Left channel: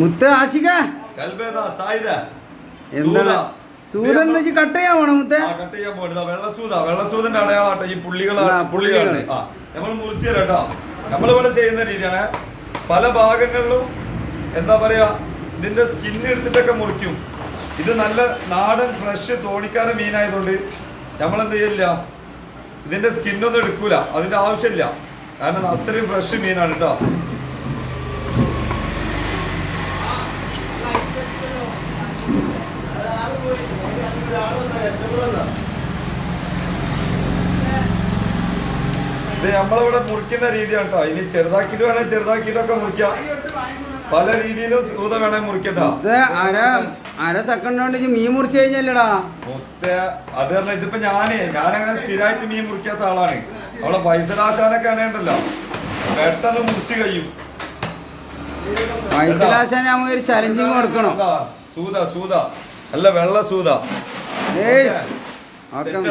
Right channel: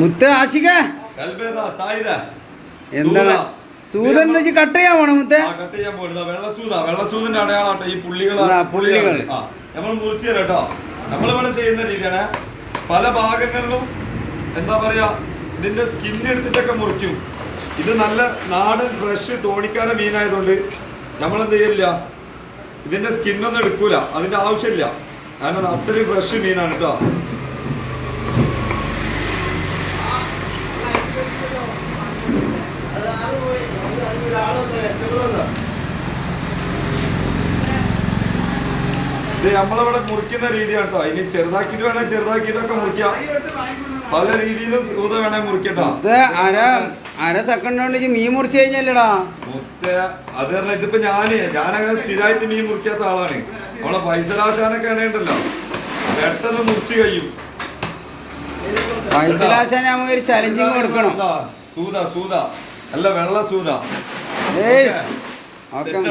മുത്ത് ആശിക. എന്താണ്? സൂത. സൂതൻ വെച്ച് കട്ട് ചെയ്യാൻ പോണോ മുത്ത്? കട്ട് ചെയ്യാൻ പോകരുത് വെള്ളസൂത. വെള്ളസൂതിന്റെ അടയാളാട്ടോ ഈ പുള്ളികൾ ആ, നമ്മൾ മുറിച്ചു തരാം കേട്ടോ. നമ്മളിവിടെ ചെയ്യുന്ന രീതിയാണ് പല ഭാഗങ്ങളിലും എന്താ പറയാ ഇതിന്റെ സ്കിൻ എടുത്തിട്ടൊക്കെ മുറിക്കും. ഇത് നല്ല നാടൻ ഫ്രഷ് തോണിക്കാര മീനായതുകൊണ്ട് നമ്മൾ എന്ത് ചെയ്യില്ല ഇതിന്റെ സ്കിന്നൊന്നും എടുക്കൂല. അതിന്റെ ആവശ്യമില്ല. കാരണം അത്രയും ഫ്രഷ് മീനാണ് കേട്ടോ. ഇത് നമ്മളിവിടെ മുറിക്കുന്ന രീതിയാണ് കേട്ടോ ഇനി ചെറുതാക്കിയിട്ട് വേണേൽ ചെറുതാക്കിയിട്ടൊക്കെ മുറിക്കാം. പല രീതിയിലും സൂത വേണേൽ മുറിക്കട്ടോ. അര അര സെക്കൻഡ് കൊണ്ട് മീൻ മുറിച്ച് കഴിഞ്ഞല്ലടാ. മുത്ത അത് തന്നെ ഇതിപ്പോ ഞാൻ ഞാനങ്ങനെ സ്ഥിരമായിട്ട് മീൻ മുറിക്കാത്ത ആളാണ്. നമ്മളെ പൈസലാശാനൊക്കെ ആണേണ്ടല്ലോ പെട്ടെന്ന് മുറിച്ച് കഴിയും. പൈസലാശാൻ നമുക്ക് ഒരു ചലഞ്ചിങ് കൊടുക്കണം. സൂത സൂത. അല്ല വെള്ള സൂത. ഓക്കെ.